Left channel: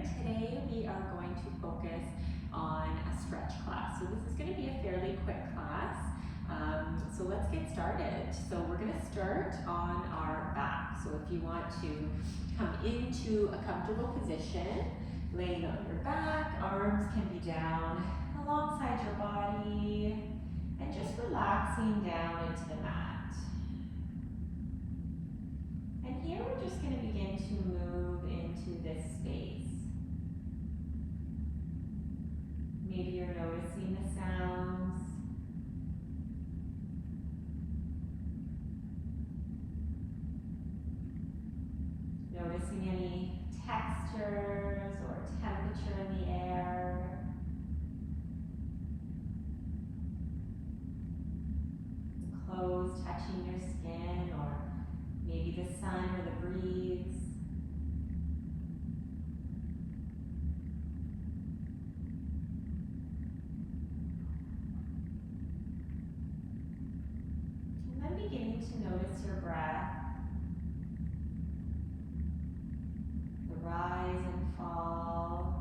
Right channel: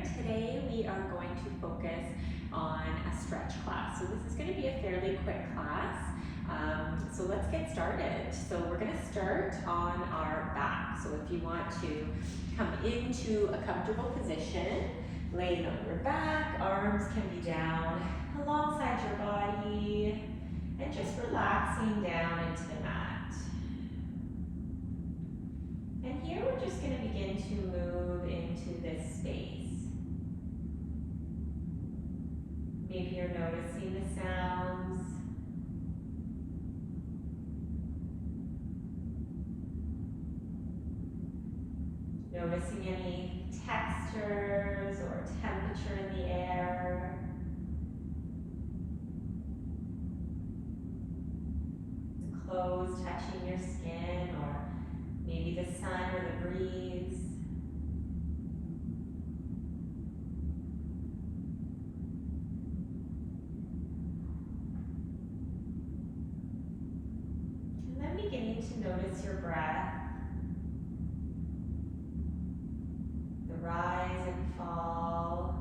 here. Today we are going to focus on a stretch class. So this is going to be a fairly quick class. So let's get started. So we're going to start on our back. So if you want to come into a comfortable position, laying on your back, arms can be down alongside your body, and just relaxing down into the mat. And here we're just going to begin to move into this space. Maybe you're noticing the sounds. Noticing any textures or temperature in the air. Clothes touching your skin, or maybe the sun or the breeze. And then beginning to notice your breath, the rise and fall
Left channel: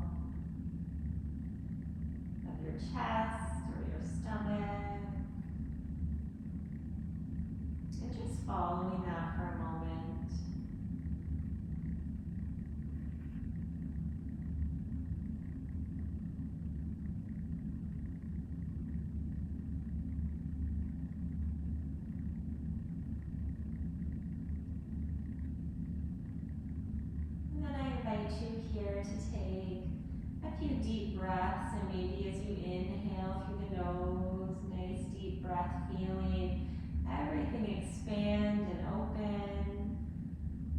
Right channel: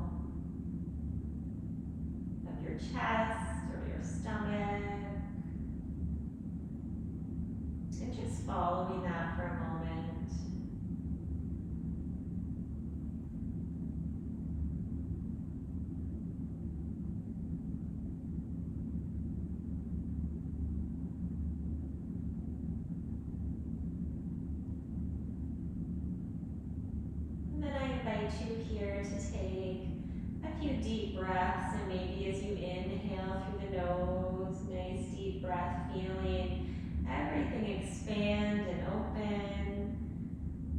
of your chest or your stomach. And just following that for a moment. And then I invite you here to take a few deep breaths, and maybe as you inhale through the nose, nice deep breath, feeling everything expand and open.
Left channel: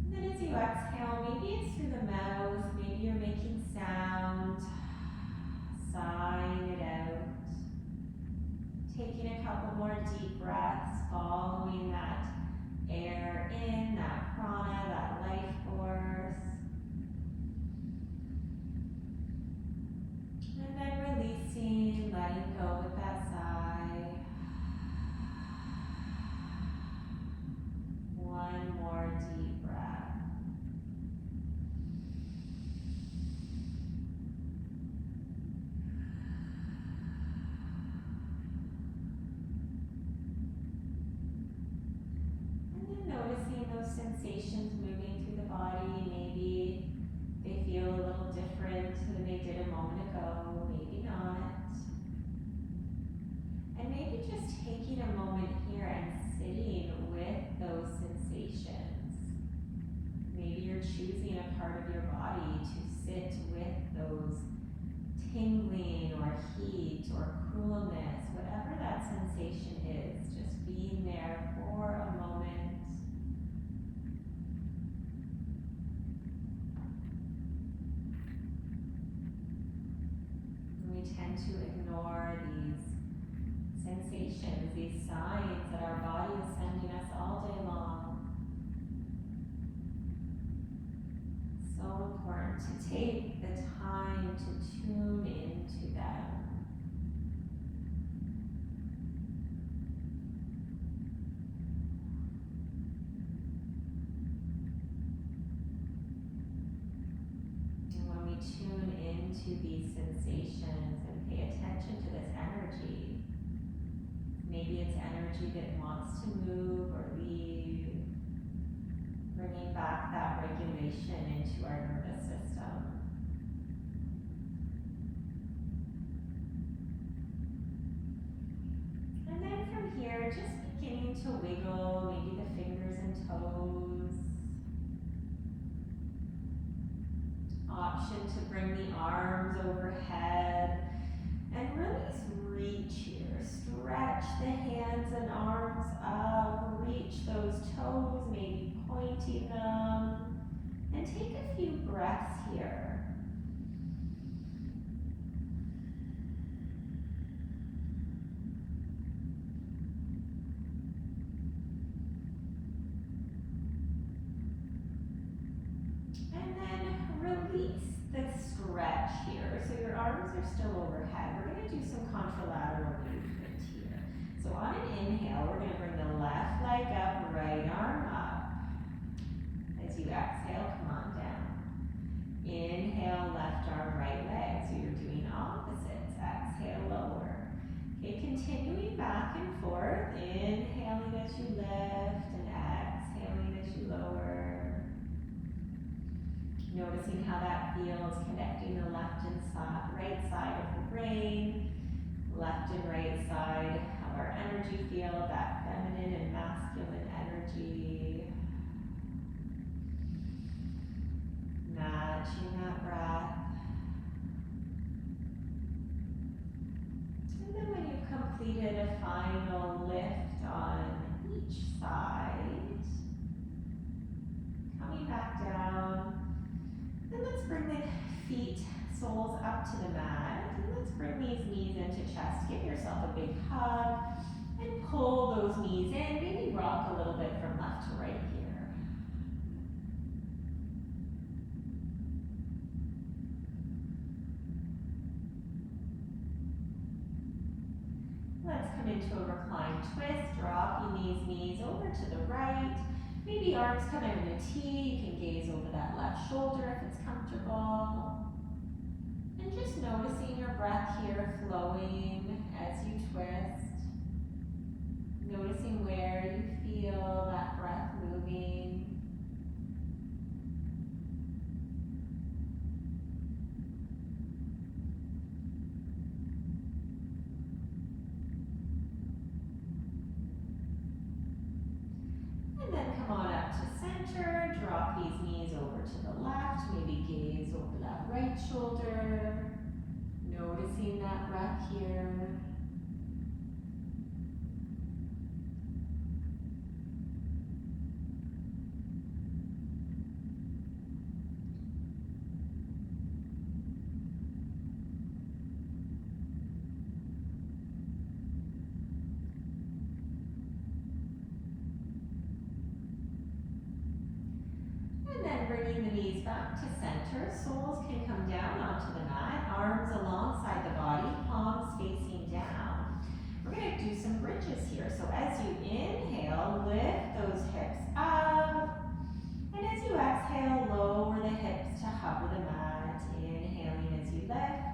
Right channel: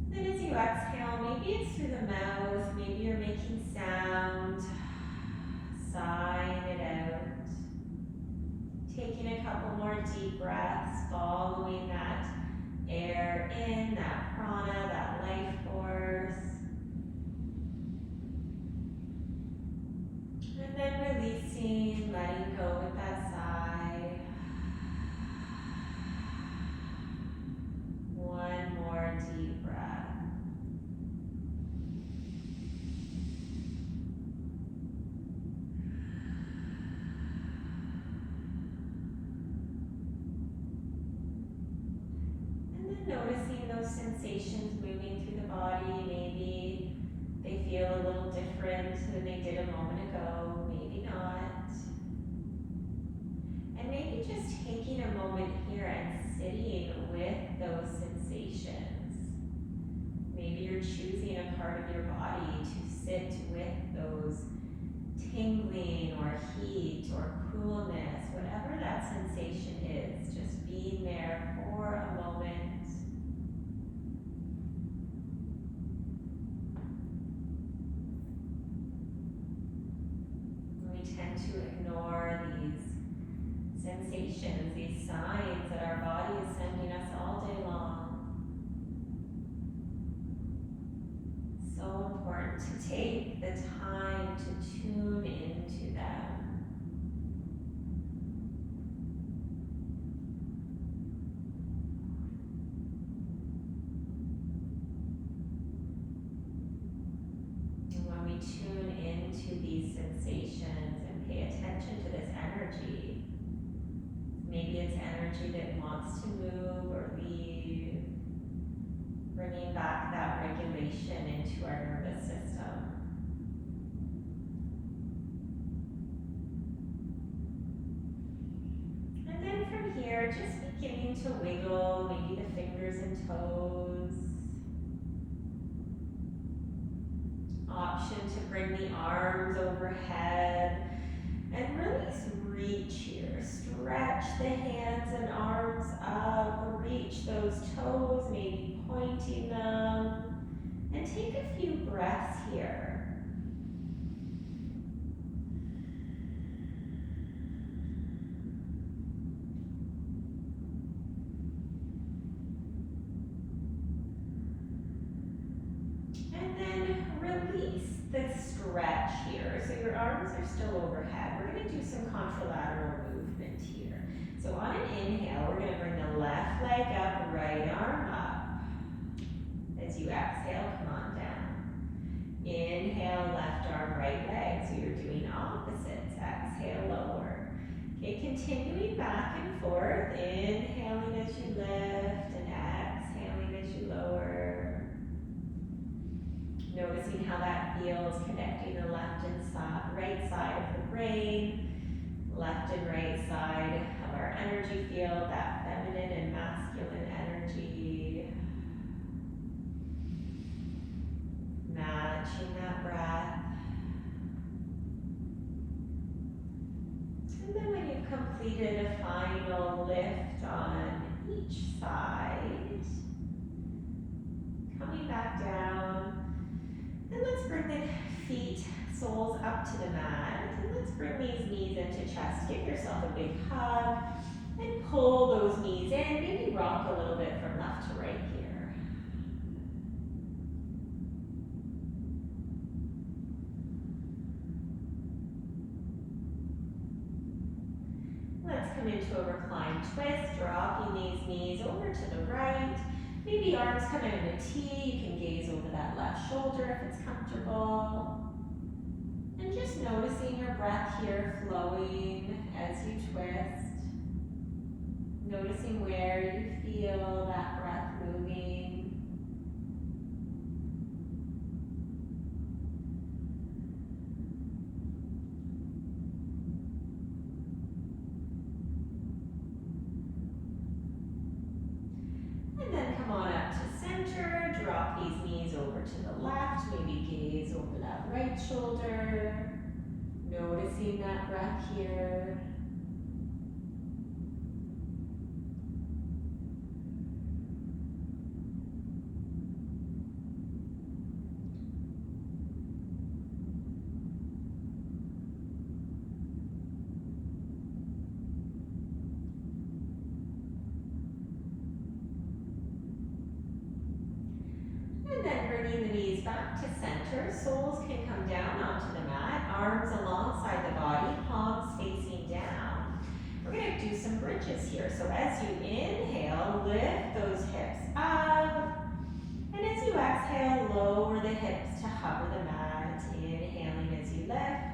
Then as you exhale, maybe it's through the mouth, maybe you're making sound, sighing it out. Taking a couple more deep breaths, following that air in, that prana, that life force. And then releasing, letting go with that sigh. One more deep breath. And then noticing those sensations moving through the body. Maybe they feel a little different than they did a moment ago, maybe not. And maybe just taking a moment here and sitting with those sensations. Maybe you're choosing a part of your body to sit with those tingling or heat or coolness, whatever that sensation is, just being there for a moment. We tend to ignore these sensations, these signs that our body is sending us all day long. So important to take the time to tune into them. And when we tune into these sensations and pay attention to this energy, maybe it's energy that wants to move or leave, bringing back that regulation into our nervous system. And then from here, just beginning to wiggle, maybe the fingers and toes. Option to bring the arms overhead and really reach here. Stretch the hands and arms up, reach those toes, maybe pointing them, and take a few breaths here. And then release the stretch here. So your arms are still overhead. We're going to do some contralateral movement here. So on an inhale, we're going to bring the left leg up, right arm up. As you exhale, come on down. Inhale, left forth, inhaling as you lift and exhaling as you lower. Noticing how that feels, connecting the left and right side of the brain, left and right side of our energy field, that feminine and masculine energy. Matching that breath. And then when you've completed a final lift on each side, coming back down, and let's bring the feet, soles up to the mat, and let's bring these knees into chest. Give yourself a big hug, and pull those knees in, maybe rock a little bit from left to right here. Let's come into a reclined twist, dropping these knees over to the right. Maybe arms come out in a T, you can gaze over that left shoulder if it's comfortable. And just noticing your breath here flowing as you twist. Noticing where you feel that breath moving. And then come on up to center, drop these knees over to the left, maybe gaze over that right shoulder. Noticing that breath here. And then bringing the knees back to center, soles can come down onto the mat, arms alongside the body, palms facing down. We're going to do some bridges here. So as you inhale, lift those hips up. And as you exhale, lower the hips to hover the mat. Inhaling as you lift.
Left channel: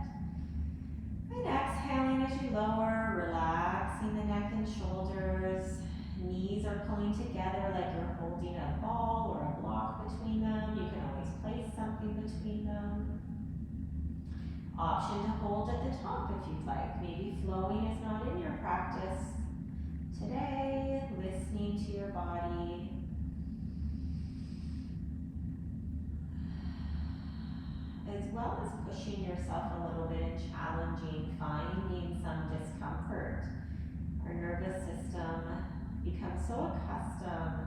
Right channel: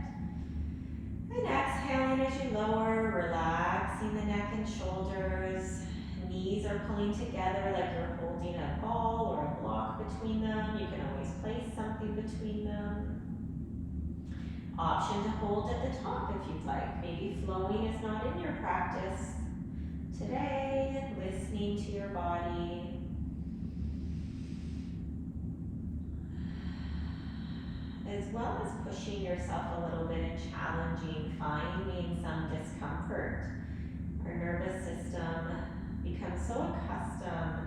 And exhaling as you lower, relaxing the neck and shoulders. Knees are pulling together like you're holding a ball or a block between them. You can always place something between them. Option to hold at the top if you'd like. Maybe flowing is not in your practice today. Listening to your body. As well as pushing yourself a little bit and challenging, finding some discomfort. Our nervous system becomes so accustomed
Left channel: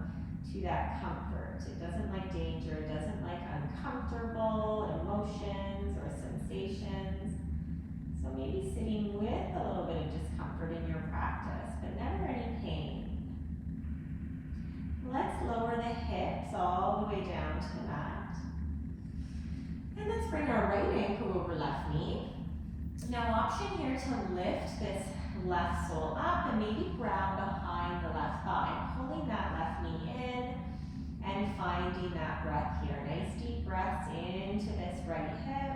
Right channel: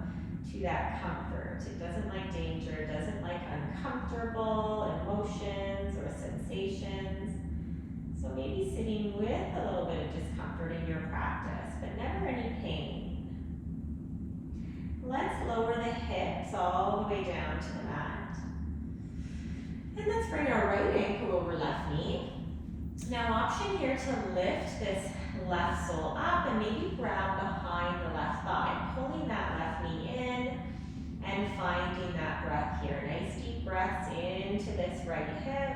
to that comfort. It doesn't like danger, it doesn't like uncomfortable emotions or sensations. So maybe sitting with a little bit of discomfort in your practice, but never any pain. Let's lower the hips all the way down to the mat. And let's bring our right ankle over left knee. Now option here to lift this left sole up and maybe grab behind the left thigh, pulling that left knee in and finding that breath here. Nice deep breaths into this right hip.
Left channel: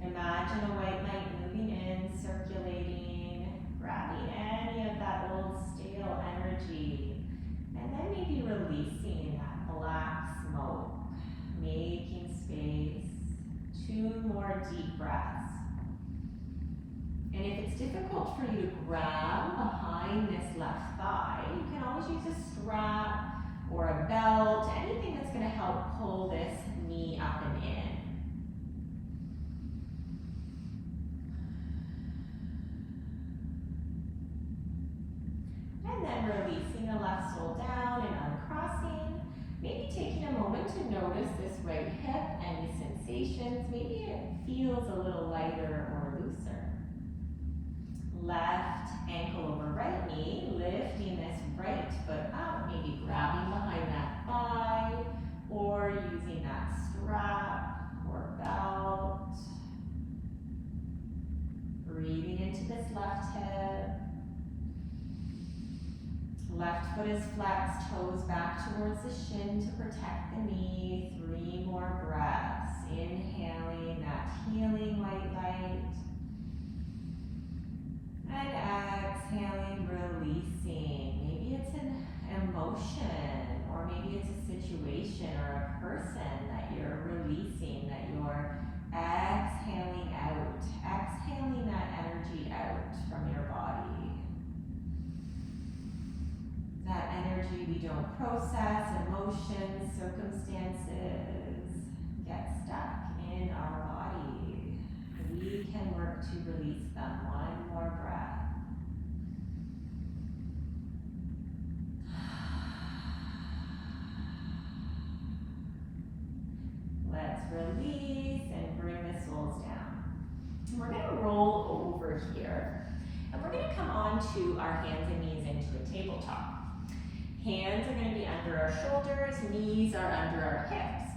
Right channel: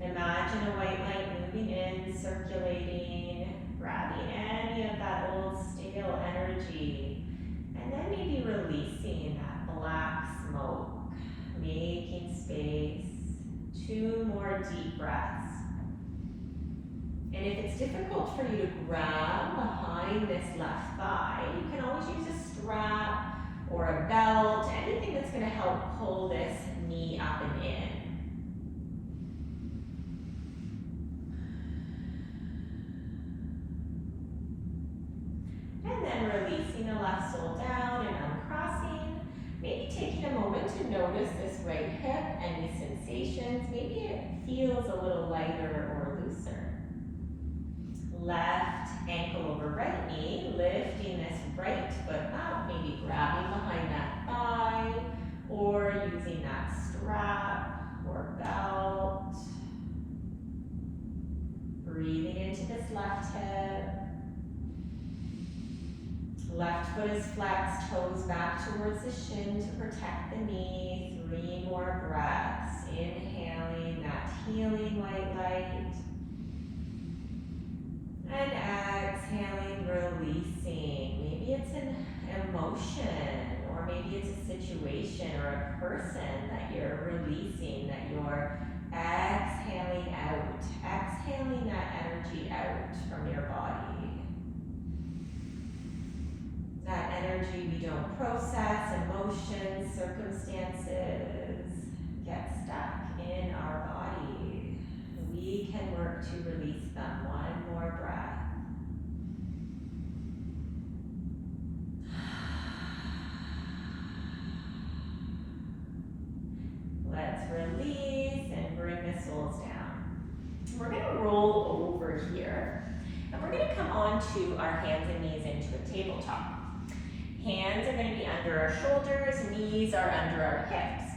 Imagine a white light moving in, circulating, grabbing any of that old stale energy, and then maybe releasing that black smoke, making space. 2 more deep breaths. And if it's difficult for you to grab behind this left thigh, you can always use a strap or a belt, anything that's going to help pull this knee up and in. And then releasing the left sole down and uncrossing. Maybe taking a moment to notice this right hip, any sensations. Maybe it feels a little lighter or looser. Left ankle over right knee, lifting this right foot up, maybe grabbing behind that thigh, or using that strap or belt. Breathing into this left hip. Left foot is flexed, toes back towards the shin to protect the knee. 3 more breaths. Inhaling that healing white light. And exhaling, release emotion, or maybe it's a situation or a person that you're releasing, that you're exhaling out, exhaling that energy out from your body. That energy we don't process, emotions, circumstances, get stuck in our body. We can work to release them. One more breath. Let's release and bring the soles down. We're going to roll over here, and we're going to come onto our hands and knees into a tabletop. Hands are going to be under our shoulders, knees are under our hips.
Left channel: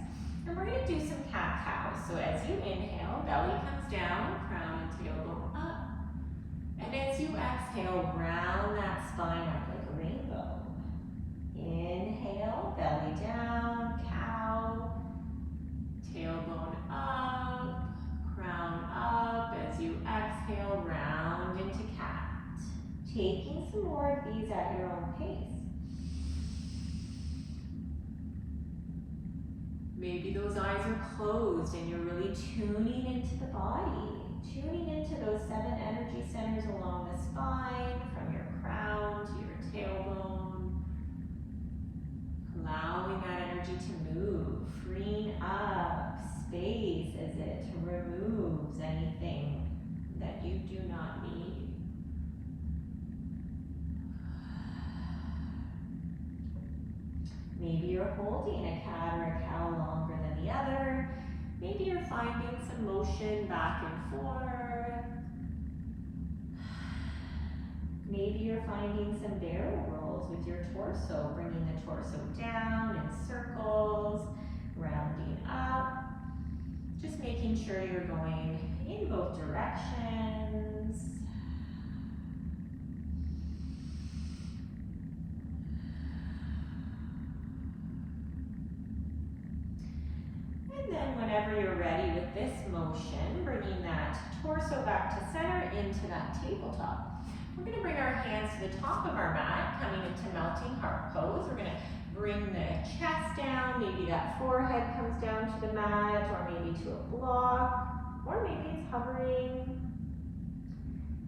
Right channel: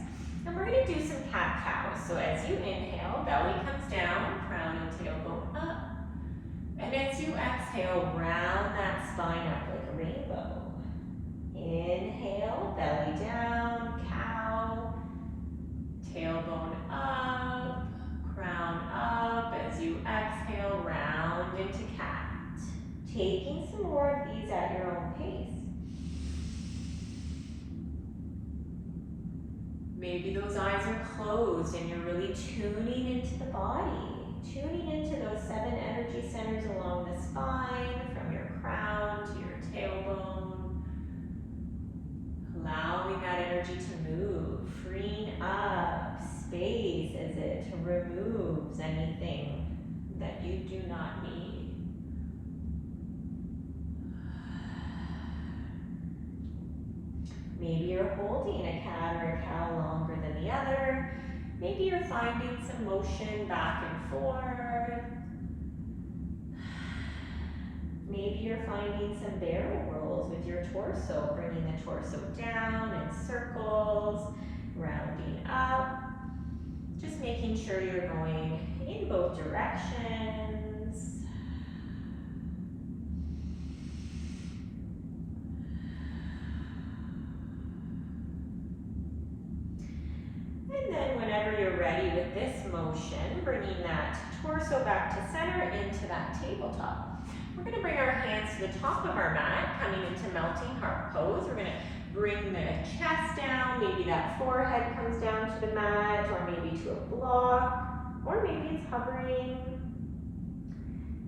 And we're going to do some cat-cow. So as you inhale, belly comes down, crown and tailbone up. And as you exhale, round that spine up like a rainbow. Inhale, belly down, cow, tailbone up, crown up. As you exhale, round into cat. Taking some more of these at your own pace. Maybe those eyes are closed and you're really tuning into the body, tuning into those 7 energy centers along the spine, from your crown to your tailbone. Allowing that energy to move, freeing up space as it removes anything that you do not need. Maybe you're holding a cat or a cow longer than the other. Maybe you're finding some motion back and forth. Maybe you're finding some barrel rolls with your torso, bringing the torso down in circles, rounding up. Just making sure you're going in both directions. And then whenever you're ready with this motion, bringing that torso back to center into that tabletop. We're going to bring our hands to the top of our mat, coming into melting heart pose. We're going to bring the chest down. Maybe that forehead comes down to the mat, or maybe to a block, or maybe it's hovering.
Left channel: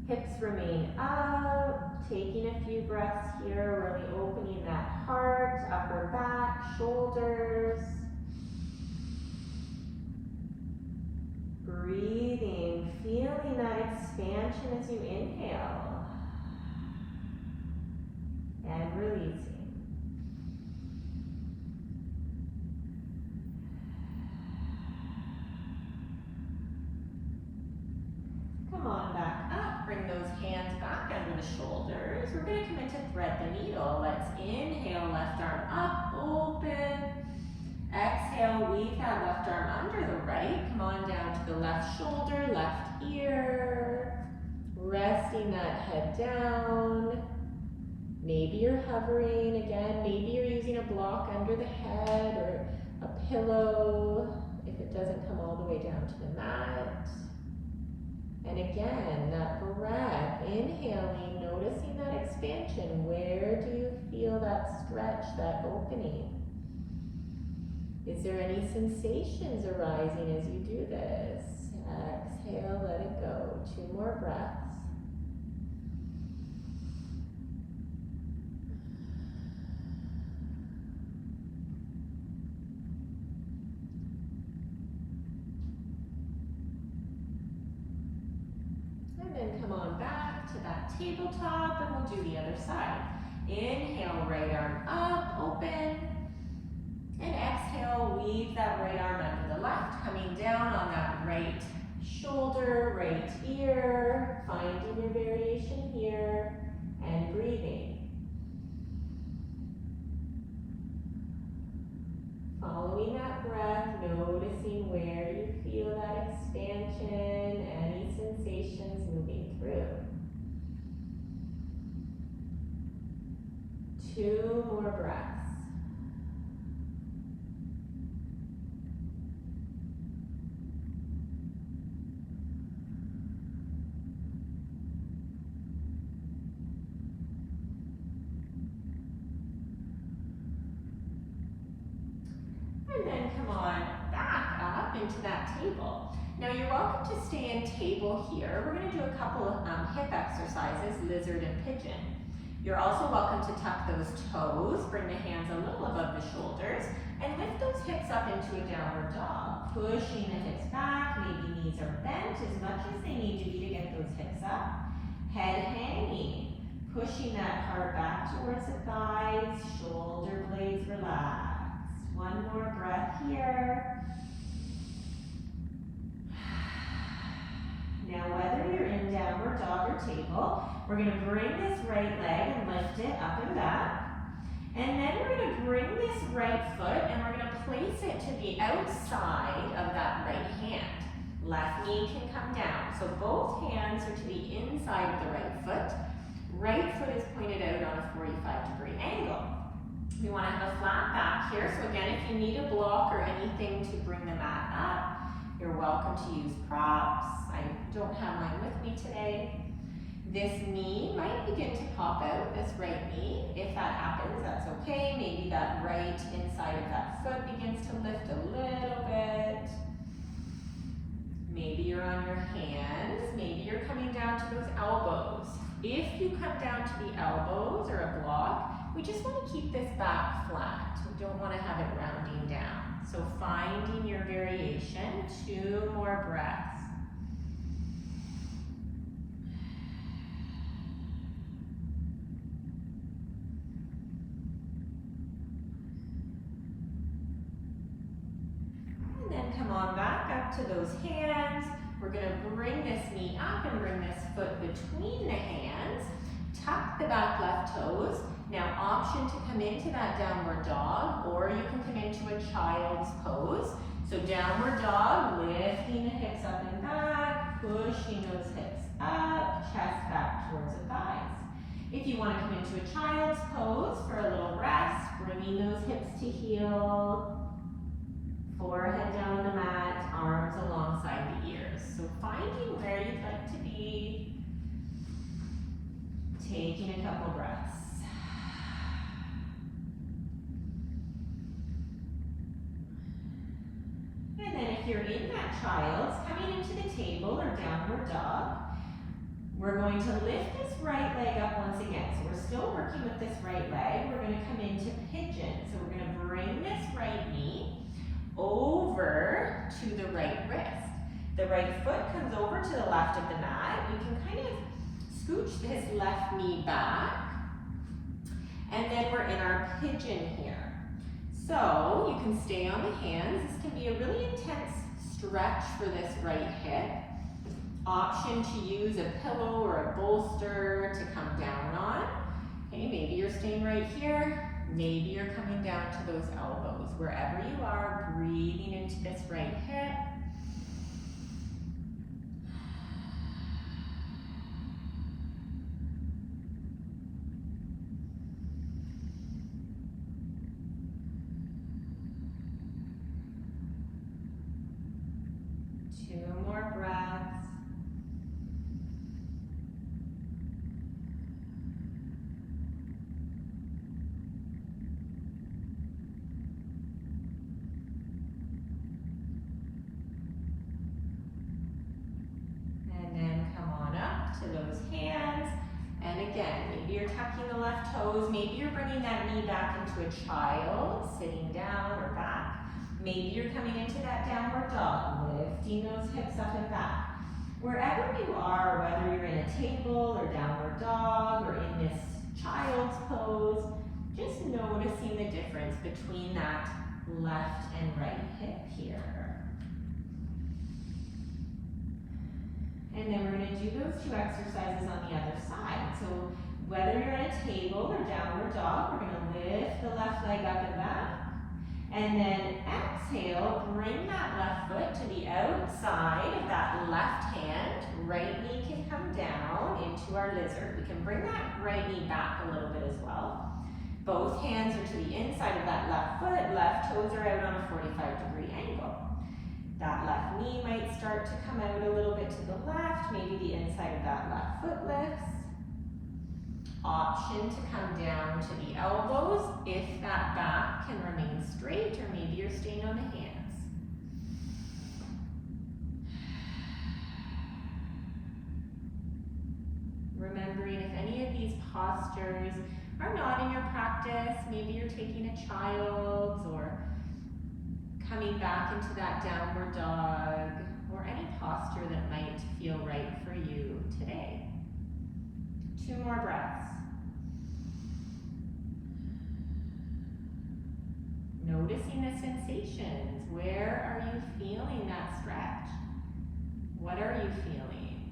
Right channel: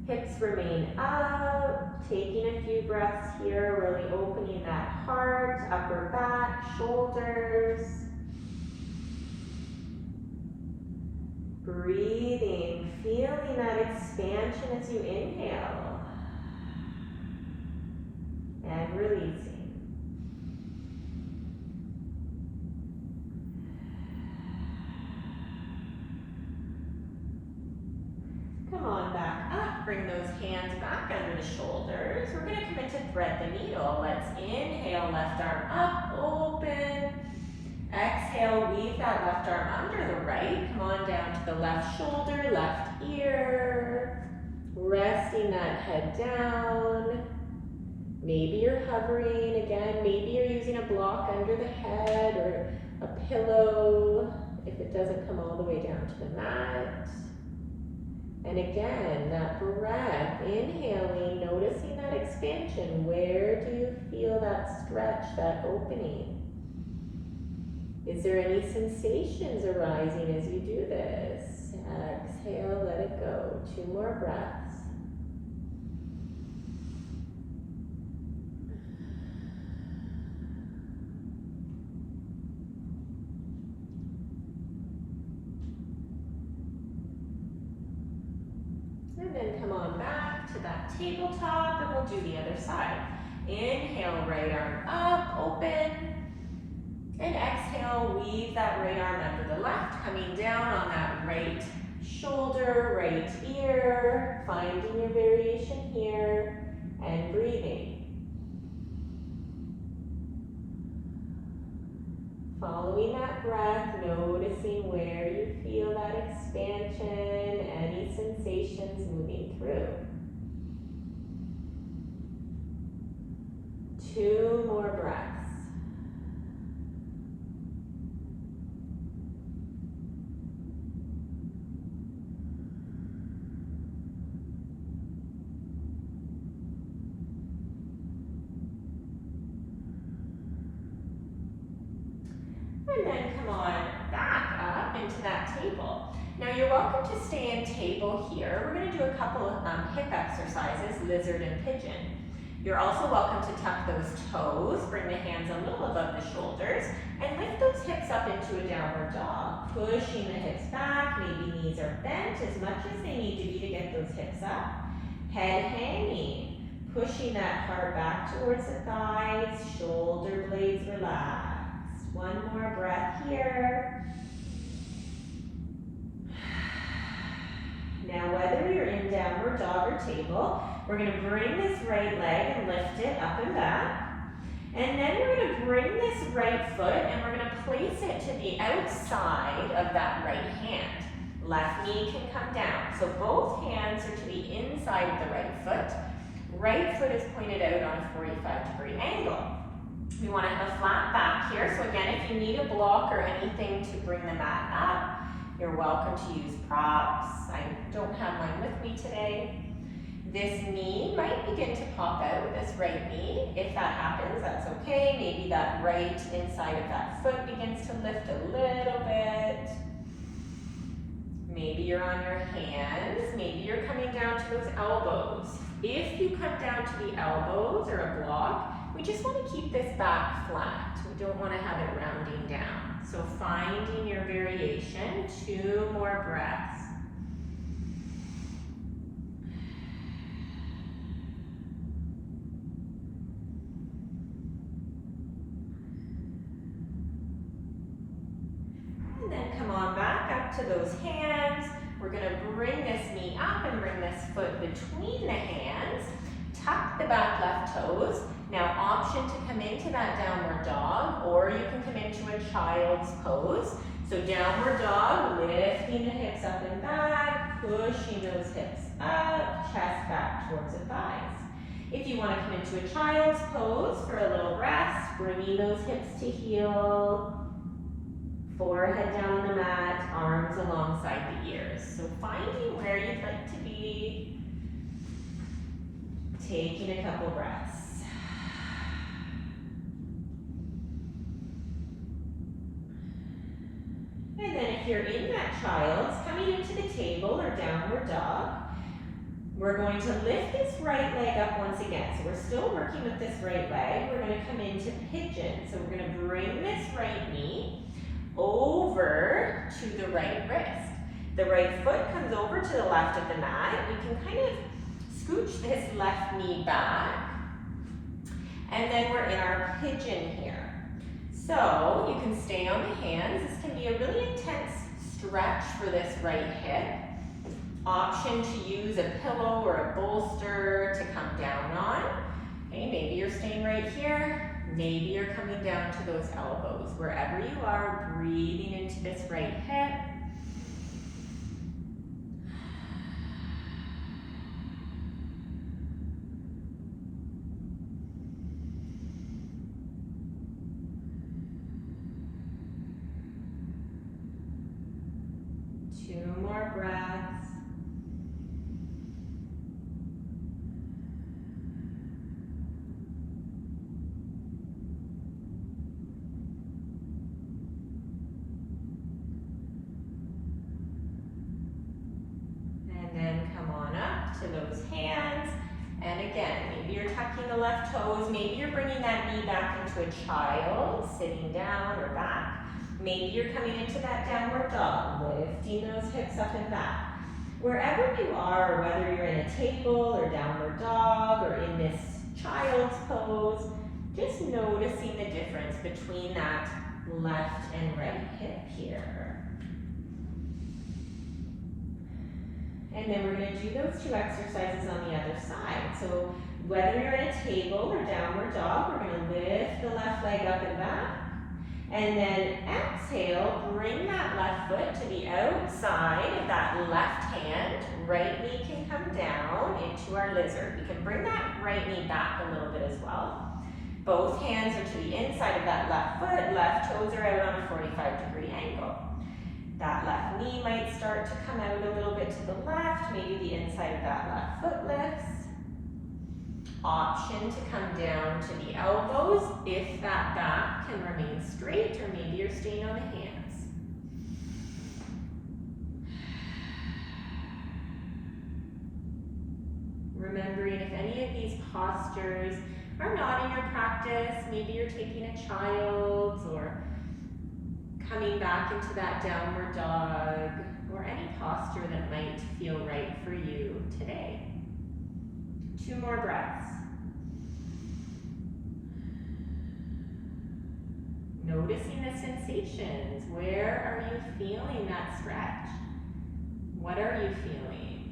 Hips remain up, taking a few breaths here, really opening that heart, upper back, shoulders. Breathing, feeling that expansion as you inhale. And releasing. Come on back up, bring those hands back under the shoulders. We're going to commit to thread the needle. Let's inhale, left arm up, open. Exhale, weave that left arm under the right. Come on down to the left shoulder, left ear. Resting that head down. Maybe you're hovering again. Maybe you're using a block under the head or a pillow if it doesn't come all the way down to the mat. And again, that breath, inhaling, noticing that expansion. Where do you feel that stretch, that opening? Is there any sensations arising as you do this? Exhale, let it go. 2 more breaths. And then come on back to that tabletop, and we'll do the other side. Inhale, right arm up, open. And exhale, weave that right arm under the left, coming down on that right shoulder, right ear, finding your variation here, and breathing. Following that breath, noticing where you feel that expansion, any sensations moving through. 2 more breaths. then come on back up into that table. Now you're welcome to stay in table here. We're going to do a couple of hip exercises, lizard and pigeon. You're also welcome to tuck those toes, bring the hands a little above the shoulders, and lift those hips up into a downward dog. Pushing the hips back, maybe knees are bent as much as they need to be to get those hips up. Head hanging, pushing that heart back towards the thighs, shoulder blades relaxed. One more breath here. Now whether you're in downward dog or table, we're going to bring this right leg and lift it up and back. And then we're going to bring this right foot and we're going to place it to the outside of that right hand. Left knee can come down. So both hands are to the inside of the right foot. Right foot is pointed out on a 45-degree angle. We want to have a flat back here. So again, if you need a block or anything to bring the mat up, you're welcome to use props. I don't have mine with me today. This knee might begin to pop out, this right knee. If that happens, that's okay. Maybe that right inside of that foot begins to lift a little bit. Maybe you're on your hands. Maybe you're coming down to those elbows. If you come down to the elbows or a block, we just want to keep this back flat. We don't want to have it rounding down. So finding your variation, 2 more breaths. To those hands, we're going to bring this knee up and bring this foot between the hands. Tuck the back left toes. Now option to come into that downward dog, or you can come into a child's pose. So downward dog, lifting the hips up and back, pushing those hips up, chest back towards the thighs. If you want to come into a child's pose for a little rest, bringing those hips to heel, forehead down on the mat, arms alongside the ears. So finding where you'd like to be, taking a couple breaths. And then if you're in that child's, coming into the table or downward dog, we're going to lift this right leg up once again. So we're still working with this right leg. We're going to come into pigeon. So we're going to bring this right knee over to the right wrist. The right foot comes over to the left of the mat. We can kind of scooch this left knee back. And then we're in our pigeon here. So you can stay on the hands. This can be a really intense stretch for this right hip. Option to use a pillow or a bolster to come down on. Okay, maybe you're staying right here. Maybe you're coming down to those elbows. Wherever you are, breathing into this right hip. Two more breaths. Left toes, maybe you're bringing that knee back into a child, sitting down or back. Maybe you're coming into that downward dog, lifting those hips up and back. Wherever you are, whether you're in a table or downward dog or in this child's pose, just noticing the difference between that left and right hip here. And then we're going to do those 2 exercises on the other side. So whether you're in a table or downward dog, we're going to lift the left leg up and back. And then exhale, bring that left foot to the outside of that left hand. Right knee can come down into our lizard. We can bring that right knee back a little bit as well. Both hands are to the inside of that left foot. Left toes are out on a 45-degree angle. That left knee might start to come out a little bit to the left. Maybe the inside of that left foot lifts. Option to come down to the elbows if that back can remain straight, or maybe you're staying on the hands. Remembering if any of these postures are not in your practice, maybe you're taking a child's or coming back into that downward dog, or any posture that might feel right for you today. 2 more breaths. Noticing the sensations. Where are you feeling that stretch? What are you feeling?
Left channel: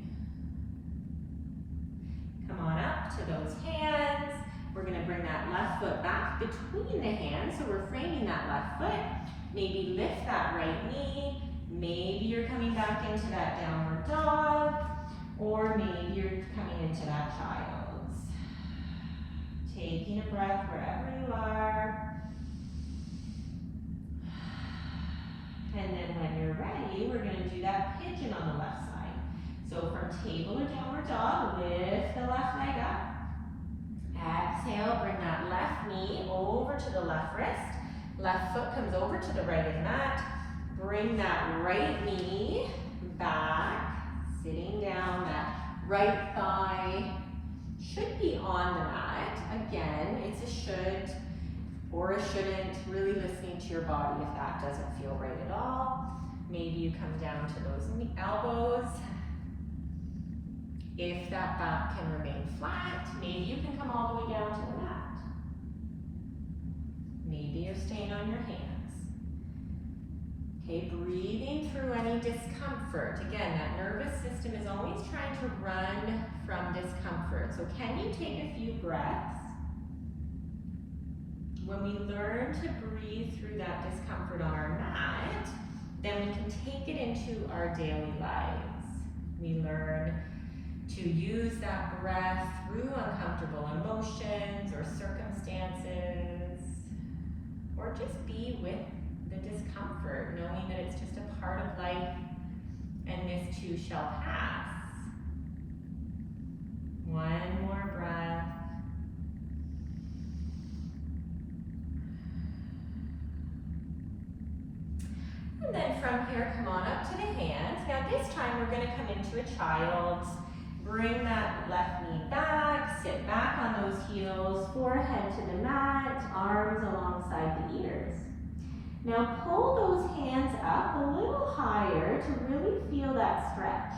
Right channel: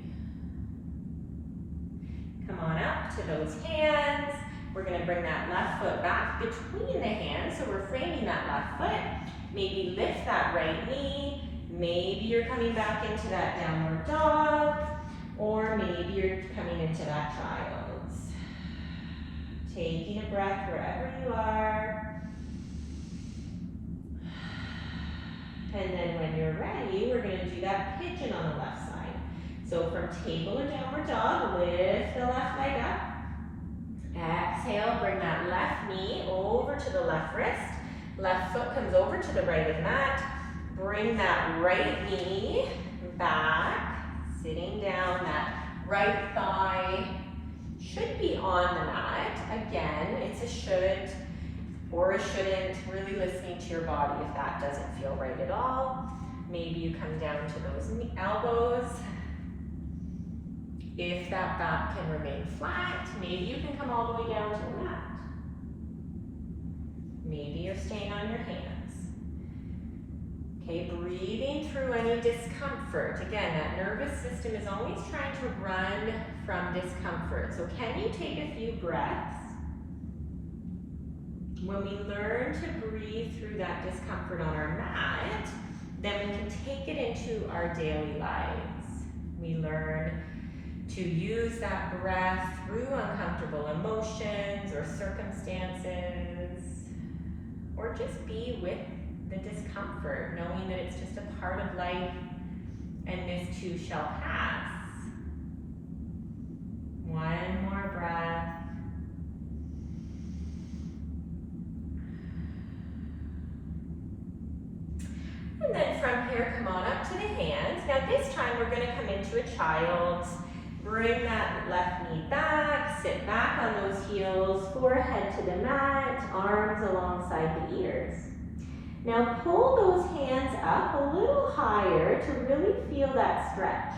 Come on up to those hands. We're going to bring that left foot back between the hands, so we're framing that left foot. Maybe lift that right knee. Maybe you're coming back into that downward dog, or maybe you're coming into that child's. Taking a breath wherever you are. And then when you're ready, we're going to do that pigeon on the left side. So from table or downward dog, lift the left leg up. Exhale, bring that left knee over to the left wrist. Left foot comes over to the right of the mat. Bring that right knee back, sitting down. That right thigh should be on the mat. Again, it's a should or a shouldn't, really listening to your body if that doesn't feel right at all. Maybe you come down to those elbows. If that back can remain flat, maybe you can come all the way down to the mat. Maybe you're staying on your hands. Okay, breathing through any discomfort. Again, that nervous system is always trying to run from discomfort. So can you take a few breaths? When we learn to breathe through that discomfort on our mat, then we can take it into our daily lives. We learn to use that breath through uncomfortable emotions or circumstances, or just be with the discomfort, knowing that it's just a part of life and this too shall pass. One more breath. And then from here, come on up to the hands. Now this time we're going to come into a child's. Bring that left knee back, sit back on those heels, forehead to the mat, arms alongside the ears. Now pull those hands up a little higher to really feel that stretch.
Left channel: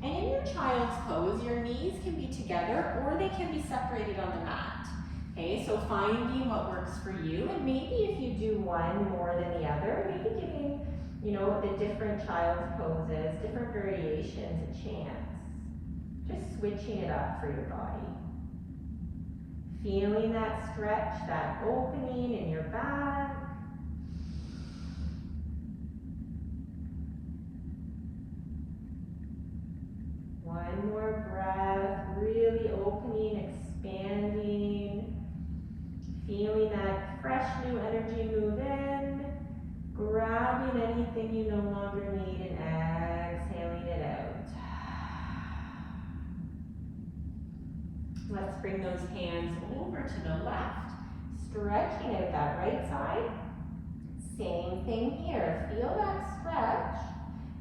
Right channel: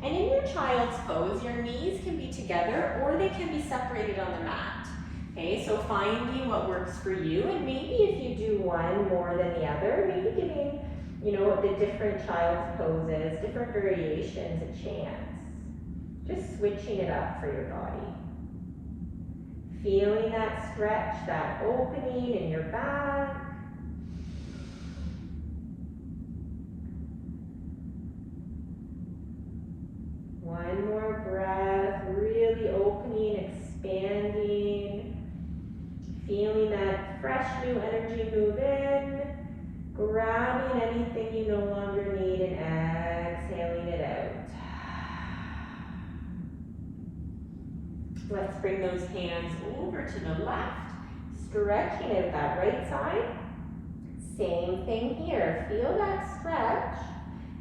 And in your child's pose, your knees can be together or they can be separated on the mat. Okay, so finding what works for you, and maybe if you do one more than the other, maybe giving, the different child's poses, different variations a chance. Just switching it up for your body. Feeling that stretch, that opening in your back. One more breath, really opening, expanding. Feeling that fresh new energy move in. Grabbing anything you no longer need and exhaling it out. Let's bring those hands over to the left, stretching out that right side. Same thing here, feel that stretch.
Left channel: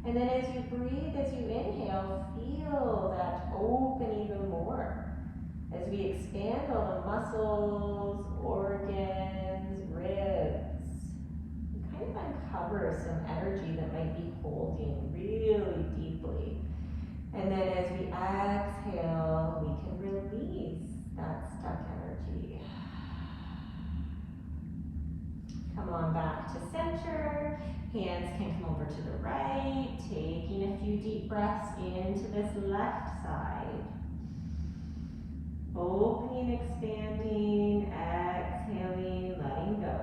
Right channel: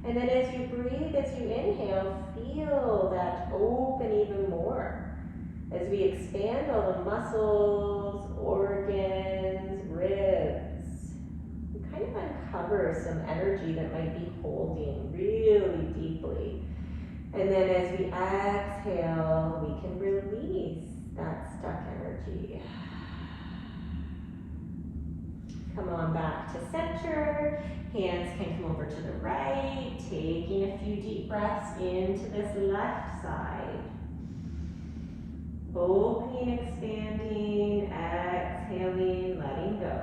And then as you breathe, as you inhale, feel that open even more. As we expand all the muscles, organs, ribs, we kind of uncover some energy that might be holding really deeply. And then as we exhale, we can release that stuck energy. Come on back to center. Hands can come over to the right. Taking a few deep breaths into this left side. Opening, expanding, exhaling, letting go.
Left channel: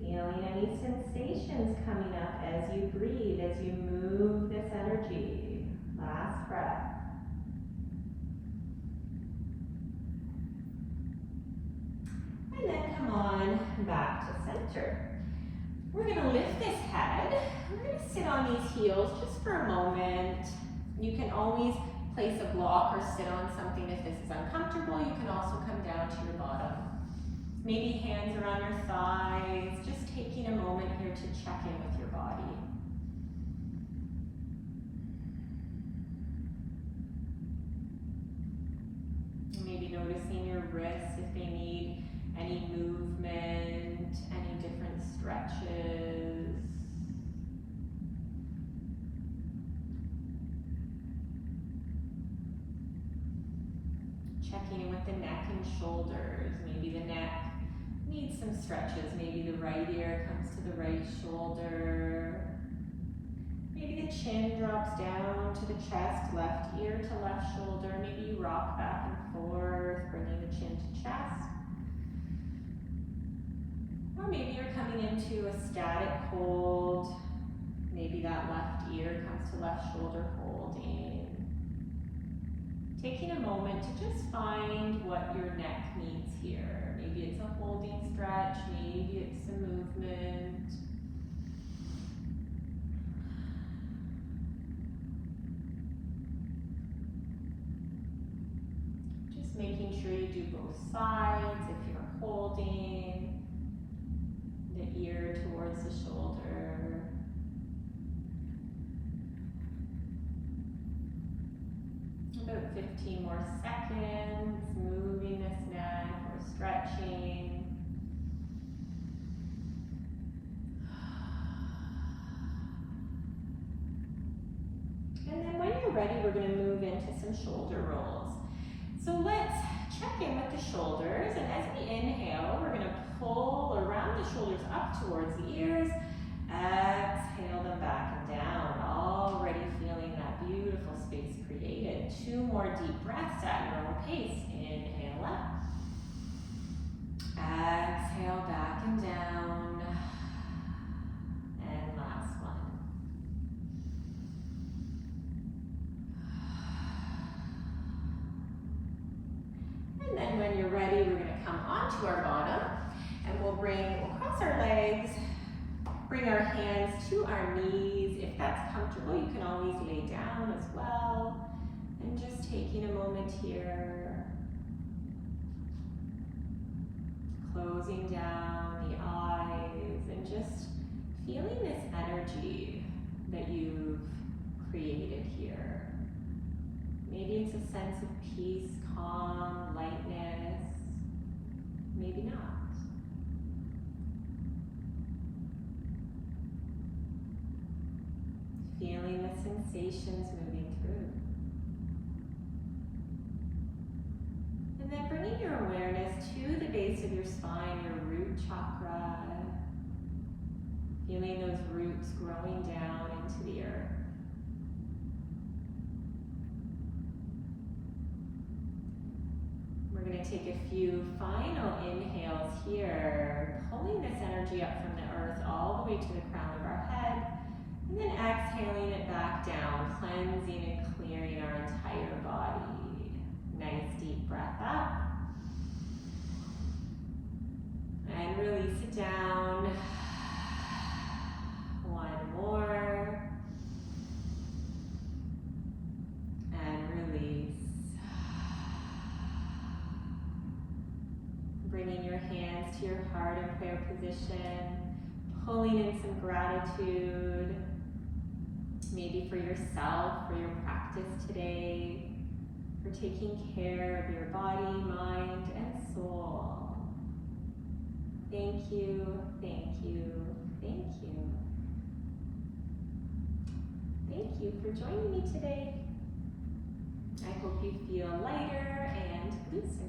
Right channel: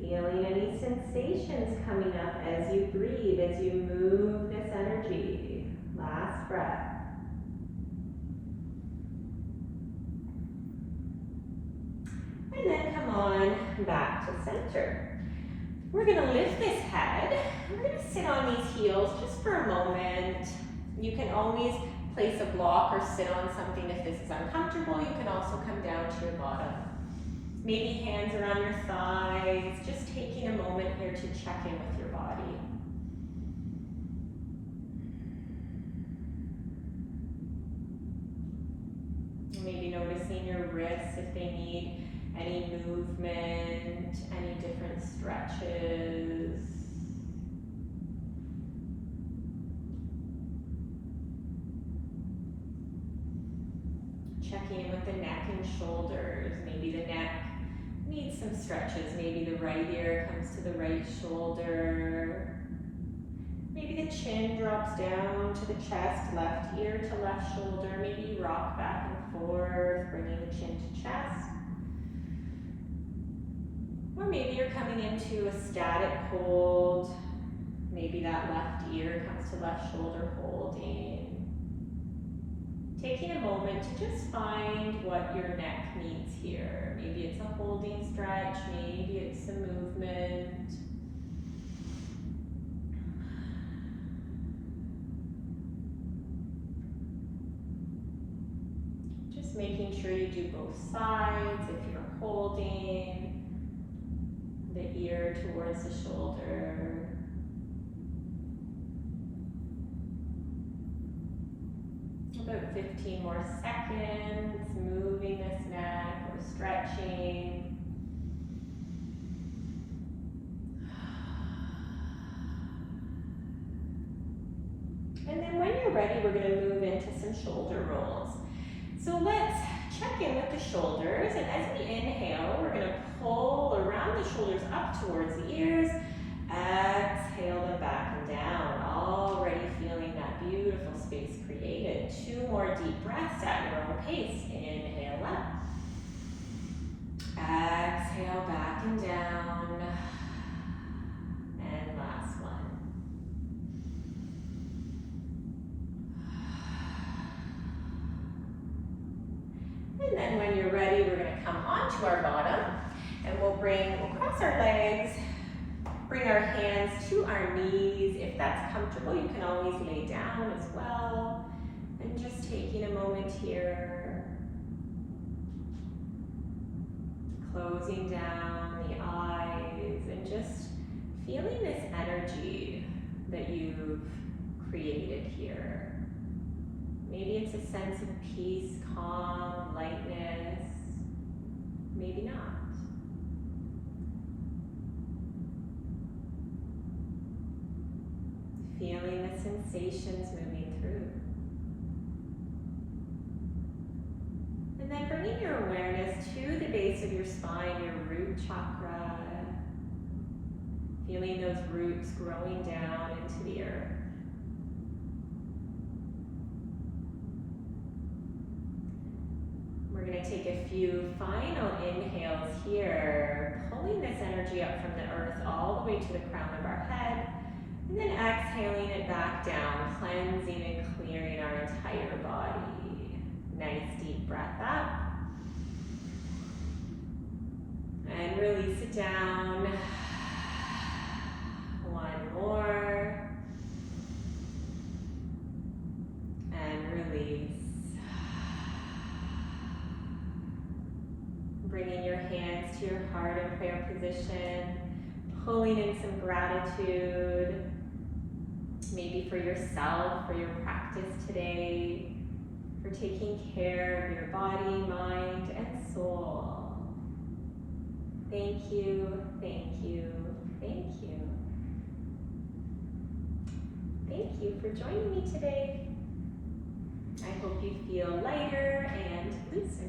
Feeling any sensations coming up as you breathe, as you move this energy. Last breath. And then come on back to center. We're going to lift this head. we're gonna sit on these heels just for a moment. You can always place a block or sit on something if this is uncomfortable. You can also come down to your bottom. Maybe hands are on your thighs, just taking a moment here to check in with your body. Maybe noticing your wrists if they need any movement, any different stretches. Checking in with the neck and shoulders. Maybe the neck needs some stretches. Maybe the right ear comes to the right shoulder. Maybe the chin drops down to the chest, left ear to left shoulder. Maybe you rock back and forth, bringing the chin to chest. Or maybe you're coming into a static hold. Maybe that left ear comes to left shoulder, holding. Taking a moment to just find what your neck needs here. Maybe it's a holding stretch, maybe it's some movement. Just making sure you do both sides if you're holding. The ear towards the shoulder. About 15 more seconds, moving this neck or stretching. And then when you're ready, we're going to move into some shoulder rolls. So let's check in with the shoulders, and as we inhale, we're going to pull or round the shoulders up towards the ears. Exhale them back and down, already feeling that beautiful space created. 2 more deep breaths at your own pace. Inhale up. Exhale back and down. And last one. And then when you're ready, we're going to come onto our bottom, and we'll cross our legs. Bring our hands to our knees. If that's comfortable, you can always lay down as well. And just taking a moment here. Closing down the eyes and just feeling this energy that you've created here. Maybe it's a sense of peace, calm, lightness. Maybe not. Feeling the sensations moving through. And then bringing your awareness to the base of your spine, your root chakra. Feeling those roots growing down into the earth. We're going to take a few final inhales here, pulling this energy up from the earth all the way to the crown of our head. And then exhaling it back down, cleansing and clearing our entire body. Nice deep breath up. And release it down. One more. And release. Bringing your hands to your heart in prayer position. Pulling in some gratitude. Maybe for yourself, for your practice today, for taking care of your body, mind, and soul. Thank you, thank you, thank you. Thank you for joining me today. I hope you feel lighter and looser.